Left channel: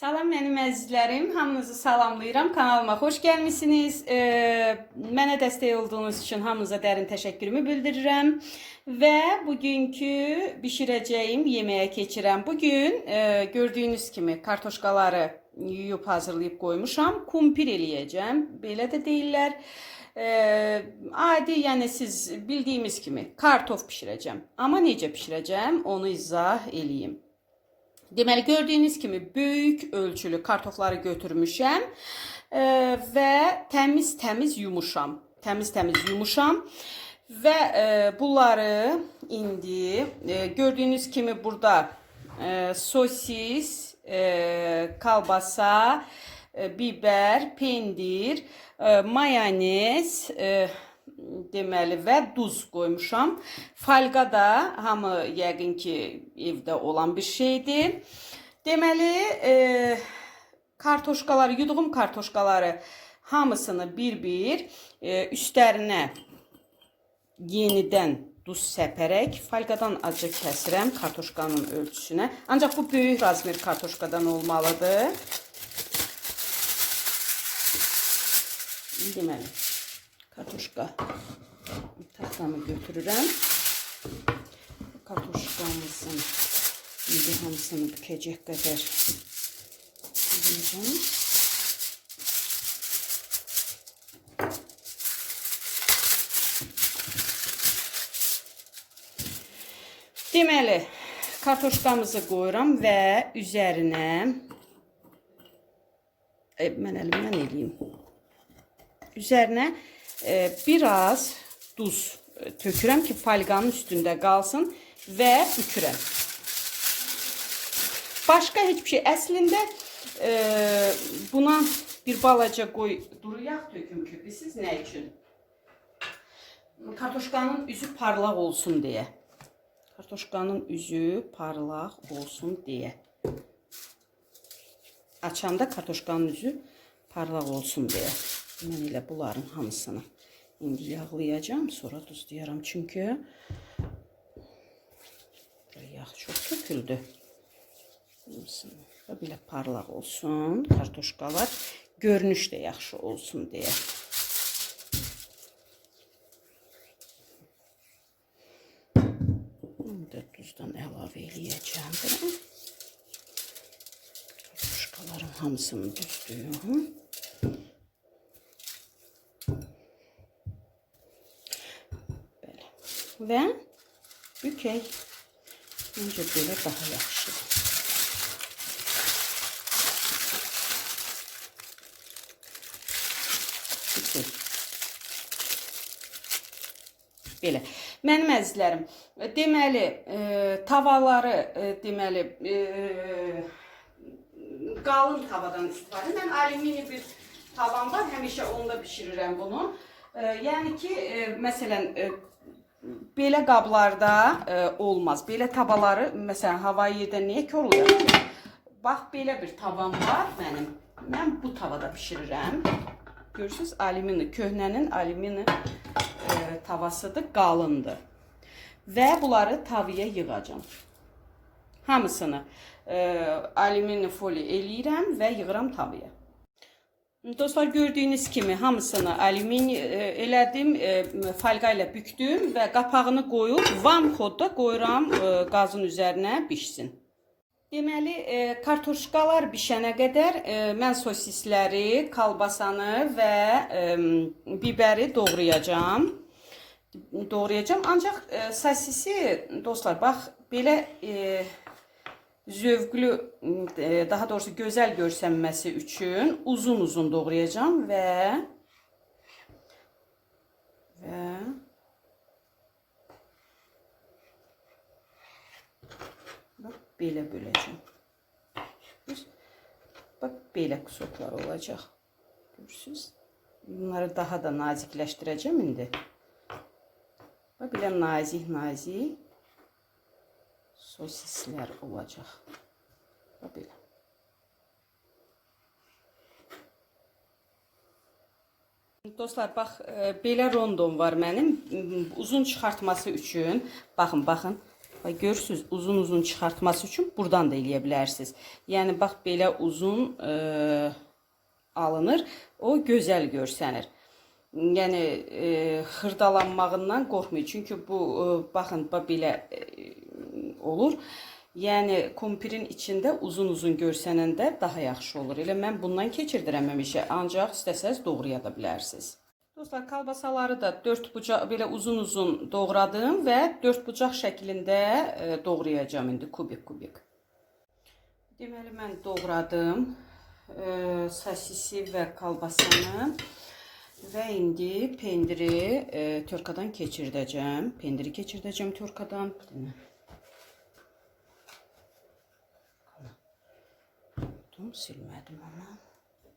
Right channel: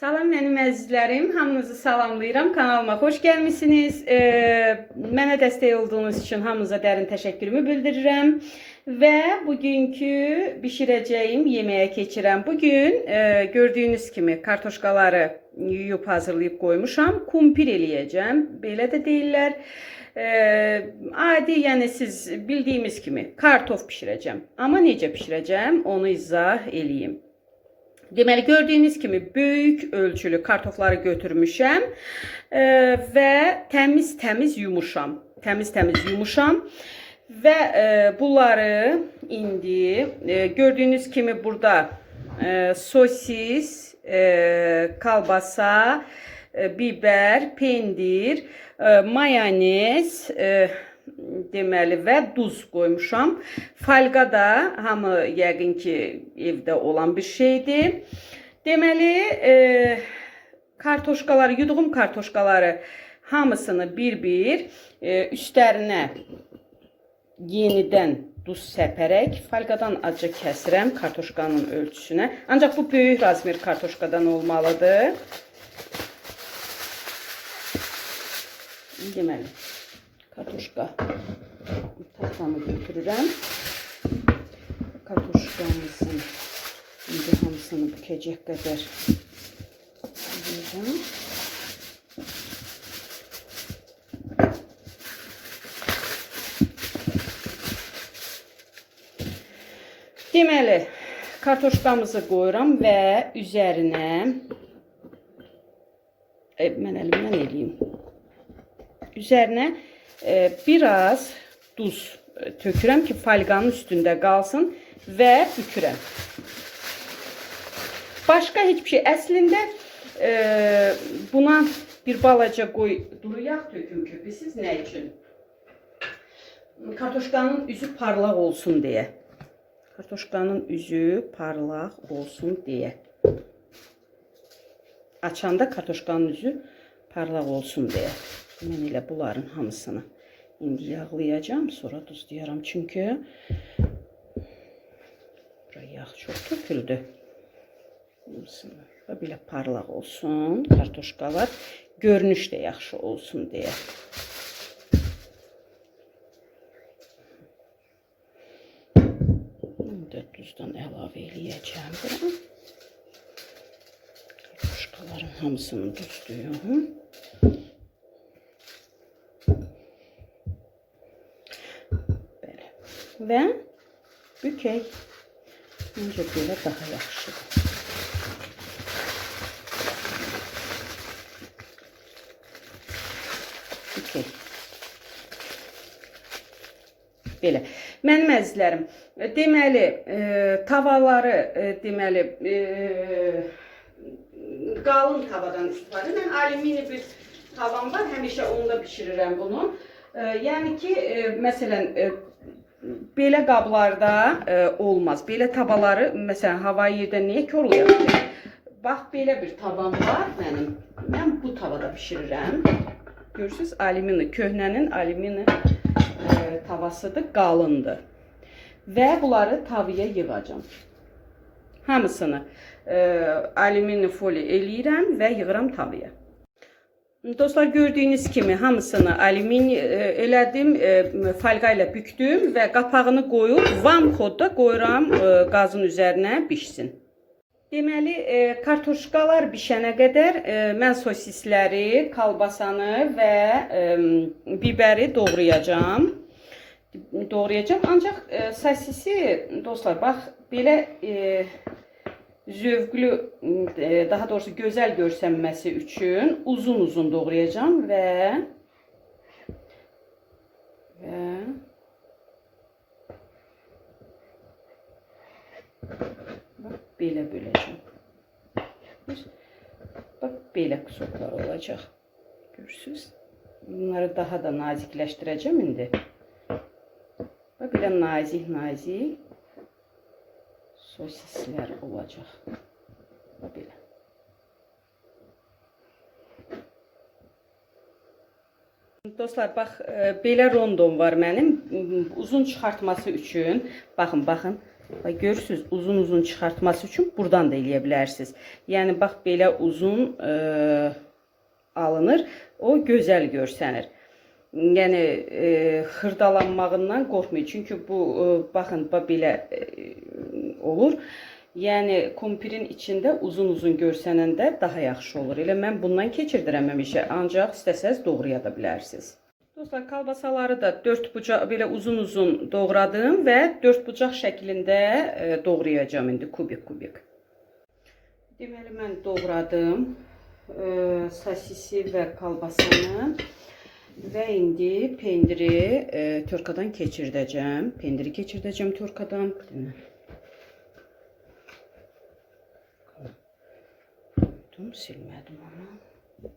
Salam mənim əzizlərim, hamınızı salamlayıram. Kanalıma xoş gəlmisiniz. E, mənə dəstək olduğunuz üçün hamınıza dərin təşəkkürümü bildirirəm. Və bugünkü bişirəcəyim yeməyə keçirəm. Bugün e, gördüyünüz kimi kartoşkaları yuyub hazırlayıb qoymuşam. Kumpir eləyəcəm. Belə də deyirlər. E, adi, yəni siz bildiyimiz kimi kartof bişirəcəm. Amma necə bişirəcəm, onu izah eləyim. Deməli gördüyünüz kimi böyük ölçülü kartofları götürmüşəm e, və təmiz-təmiz yumuşam. Təmiz-təmiz yumuşam və e, bunları indi e, gördüyünüz kimi burada e, sosis, e, kalbasa, e, biber, pendir, e, mayonez, e, deməli və duz qoymuşam. Falqa da hamı yəqin ki evdə olan bir şeydir. Deməli, e, kartoşkaları, yuduğum kartoşkaları hamısını bir-bir e, üstlərinə yenidən duz səpərək falqadan azca kəsirəm kartoşkanın ölçüsünə. Ancaq bu böyük razmer kartoşkadan olmalıdır. Deməli, kartoşka taxtamı götürürəm. Kartoşkamızın indi hamısını bükəcək qədər yiyəcəm. Deməli, kartoşkamızı qoyuram və üzərinə e, mən əlimdən eləyim. Üzərinə e, biraz duz e, tökürəm ki, falqanın üstündə qalsın və bükürəm. Başqa heç bir şey. Əslində e, buna bir balaca qoy duru yağ töküm ki, siz nə üçün? Kartoşkanın üzü parlaq olsun deyə. Kartoşkanın üzü parlaq olsun deyə. Açanda kartoşkanın üzü parlaq olsun deyə. Mən elə bunların hamısını indi yağlayacağım, sonra duzlayacağım. Çünki buraya yağ çox töküldü. Hamısını belə parlaq olsun kartoşkalar. Görünüş də yaxşı olsun deyə. İndi duzdan əlavə eləyəcəm buna. Hamısını duzluyum. Belə. Və bükək. Məncə belə daha yaxşıdır. Bükək. Belə. Mənim əzizlərim, deməli, e, tavaları, e, deməli, e, qalın tavadan istifadə. Mən alümini bir tavam var, həmişə onda bişirirəm bunu. E, yəni ki, e, məsələn, e, belə qablarda e, olmaz. Belə tavaları, məsələn, hava yerdə niyə korlayaq ki? Bax, belə bir tavam var mənim. Mən bu tavada bişirirəm. Görürsüz, alümini, köhnənin alümini e, tavasıdır, qalındır. Və bunları tavaya yığacam. Hamısını e, alümini foli eləyirəm və yığıram tavaya. Dostlar gördüyünüz kimi hamısını alümini e, elədim, e, falqa ilə bükdüm və qapağını qoyub vam xodda qoyuram qazın üzərinə bişsin. Deməli, kartoşkalar bişənə qədər mən sosisləri, kalbasanı və biberi doğrayacağam. Doğrayacağam. Ancaq sosisi dostlar bax belə zövqlü, e, daha doğrusu gözəl görsənməsi üçün uzun-uzun doğrayacağam və və belə böləcəm. Bax, belə kusoklar olacaq. Görürsüz? Bunları daha da nazikləşdirəcəm indi. Bax, belə nazik-nazik sosislər olacaq. Bax, belə. Dostlar, bax, e, belə rondom var mənim. Uzun çıxartması üçün. Baxın, baxın. Və görürsüz, uzun-uzun çıxartması üçün buradan da eləyə bilərsiniz. Yəni bax belə uzun e, alınır, o gözəl görsənir. Yəni e, xırdalanmağından qorxmayın. Çünki bu e, baxın bax belə e, olur. Yəni kumpirin içində uzun-uzun görsənəndə daha yaxşı olur. Elə mən bundan keçirdirəm həmişə, ancaq istəsəz doğraya da bilərsiniz. Dostlar, kalbasaları da 4 bucaq belə uzun-uzun doğradım və 4 bucaq şəklində e, doğrayacağam indi kubik-kubik. Deməli mən doğradım e, sosisi və kalbasanı və indi pendiri e, törkadan keçirdəcəm. Pendiri keçirdəcəm törkadan. Bir dənə. Unuttum, silmədim onu.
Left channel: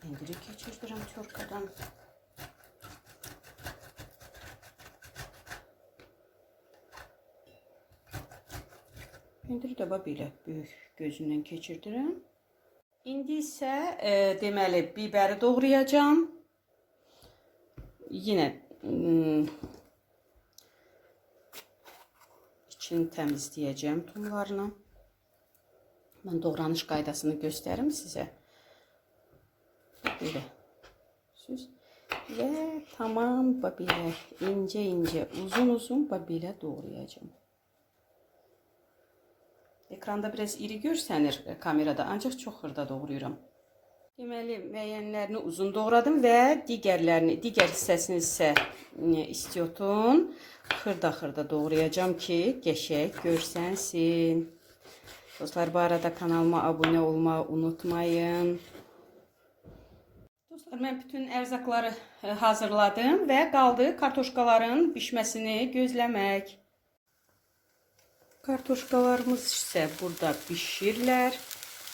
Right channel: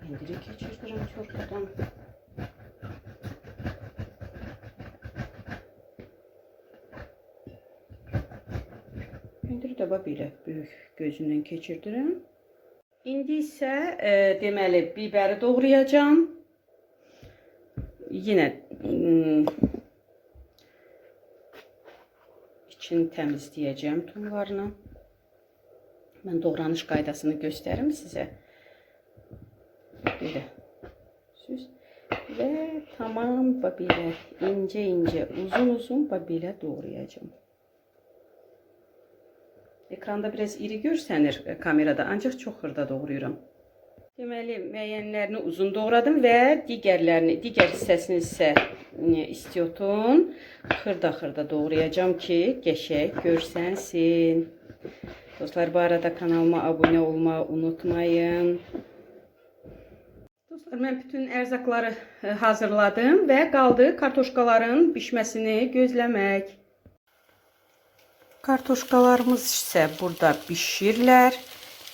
Pendiri keçirdirəm törkadan. Pendiri də belə böyük gözündən keçirdirəm. İndi isə e, deməli bibəri doğrayacağam. Yenə mm, içini təmizləyəcəm tumlarını. Mən doğranış qaydasını göstərim sizə. Belə. Siz və tamam belə incə-incə, uzun-uzun belə doğrayacağam. Ekranda biraz iri görsənir e, kamerada, ancaq çox xırda doğrayıram. Deməli, müəyyənlərini uzun doğradım və digərlərini, digər hissəsini isə e, istiyotun xırda-xırda doğrayacağam ki, qəşəng görsənsin. Dostlar, bu arada kanalıma abunə olmağı unutmayın. Dostlar, mən bütün ərzaqları e, hazırladım və qaldı kartoşkaların bişməsini gözləmək. Kartoşkalarımız isə burada bişirlər.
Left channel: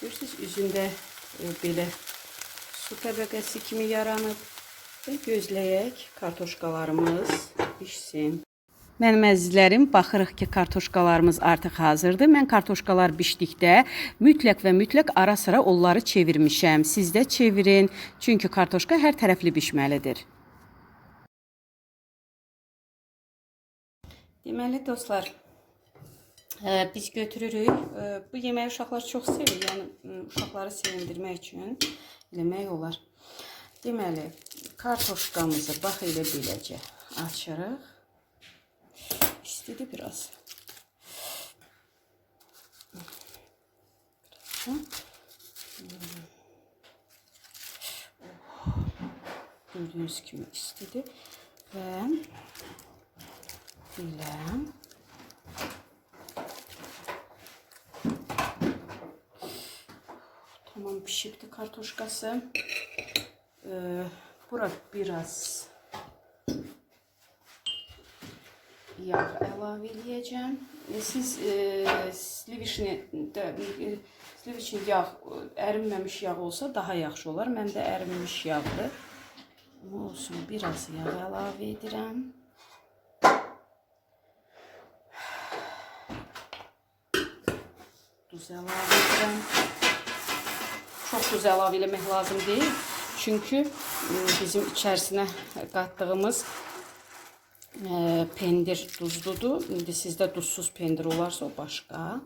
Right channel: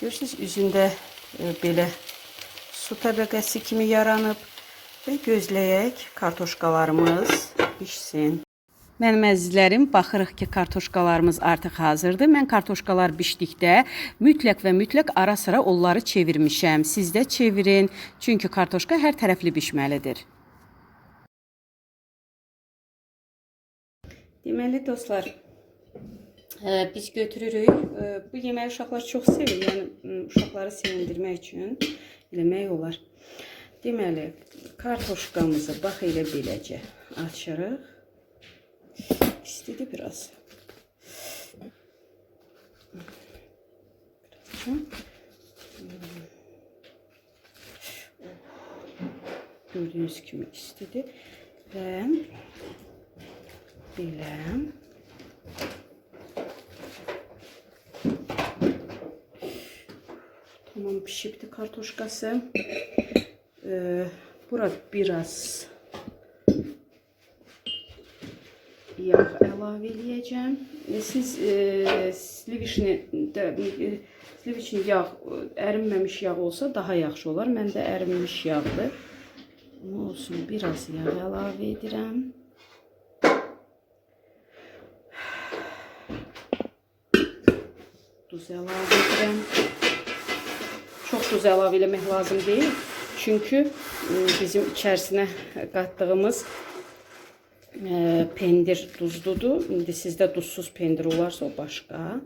Görürsünüz, üzündə e, belə su təbəqəsi kimi yaranıb və gözləyək kartoşkalarımız bişsin. Mənim əzizlərim, baxırıq ki, kartoşkalarımız artıq hazırdır. Mən kartoşkalar bişdikdə mütləq və mütləq ara sıra onları çevirmişəm. Siz də çevirin, çünki kartoşka hər tərəfli bişməlidir. Deməli dostlar, e, biz götürürük. E, Bu yeməyi uşaqlar çox sevir. Yəni e, uşaqları sevindirmək üçün eləmək olar. Deməli, kartoşkamızı bax elə beləcə açırıq. İstedi biraz. Gördüğünüz gibi istedi ve belə tamam pişipti kartoşkası. Ee, bura biraz yağ əlavə eləyəcəm. E, Siz e, sliviçni də e, sliviçni yağ e, ərinməmiş yağ olsa daha yaxşı olar. Məndə ərinmiş yağdır. Amma olsun, biraz yağ əlavə edirəm. Duz əlavə edirəm. Çox duz əlavə eləmək lazım deyil. Çünki e, bizim içərisinə qatdığımız e, pendir duzludur. İndi sizdə duzsuz pendir olarsa o başqa.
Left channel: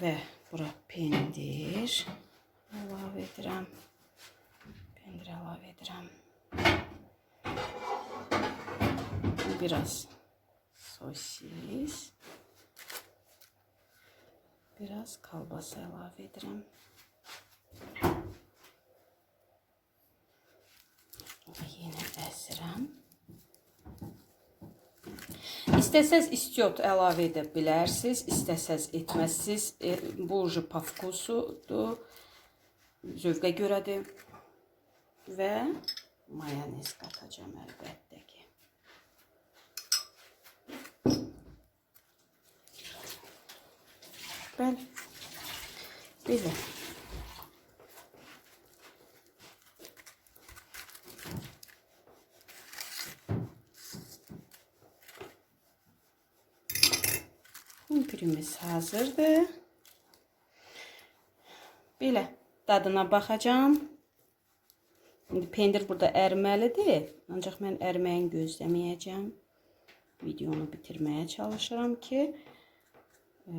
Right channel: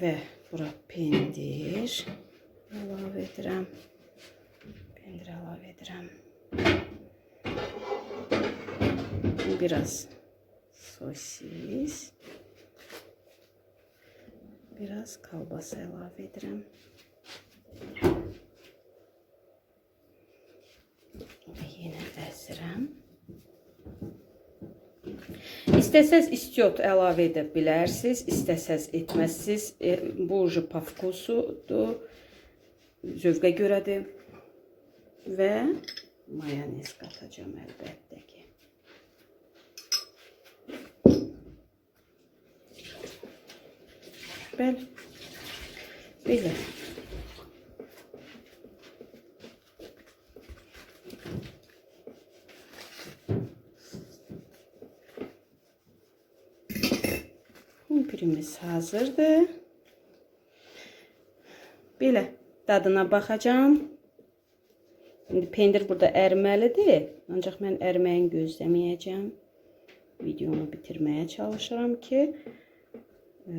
Və bura pendir əlavə edirəm. Pendir əlavə edirəm. Biraz sosis. Biraz kalbasa əlavə edirəm. Yenə əzirəm. İstəsəz istiot əlavə edə bilərsiniz, istəsəz etməzsiniz. E, bu ucu по vkusudur. Zövqə görədir. Və mayonez qatacağam əlbəttə ki. Bəli. Belə. Kumpirimiz hazırdır. Belə dadına baxacağam. İndi pendir burada ərməlidir. Ancaq mən ərməyini gözləməyəcəm. Videonu bitirməyə çalışıram ki, e,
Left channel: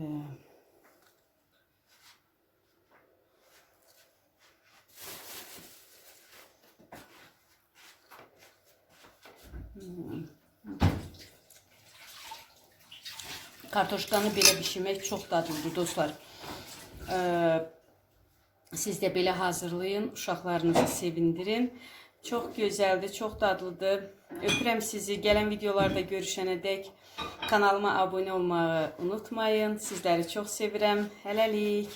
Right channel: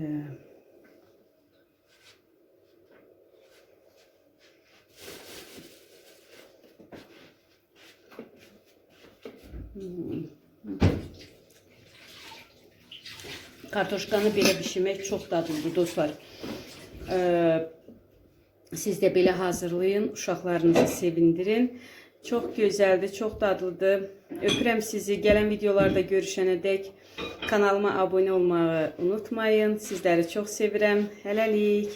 Kartoşkanı belə bişirmək çox dadlıdır dostlar. Ee, siz də belə hazırlayın, uşaqlarınızı sevindirin. Çox gözəldir, çox dadlıdır. Öpürəm sizi. Gələn videolarda görüşənədək kanalıma abunə olmağı unutmayın. Sizləri çox sevirəm. Hələlik.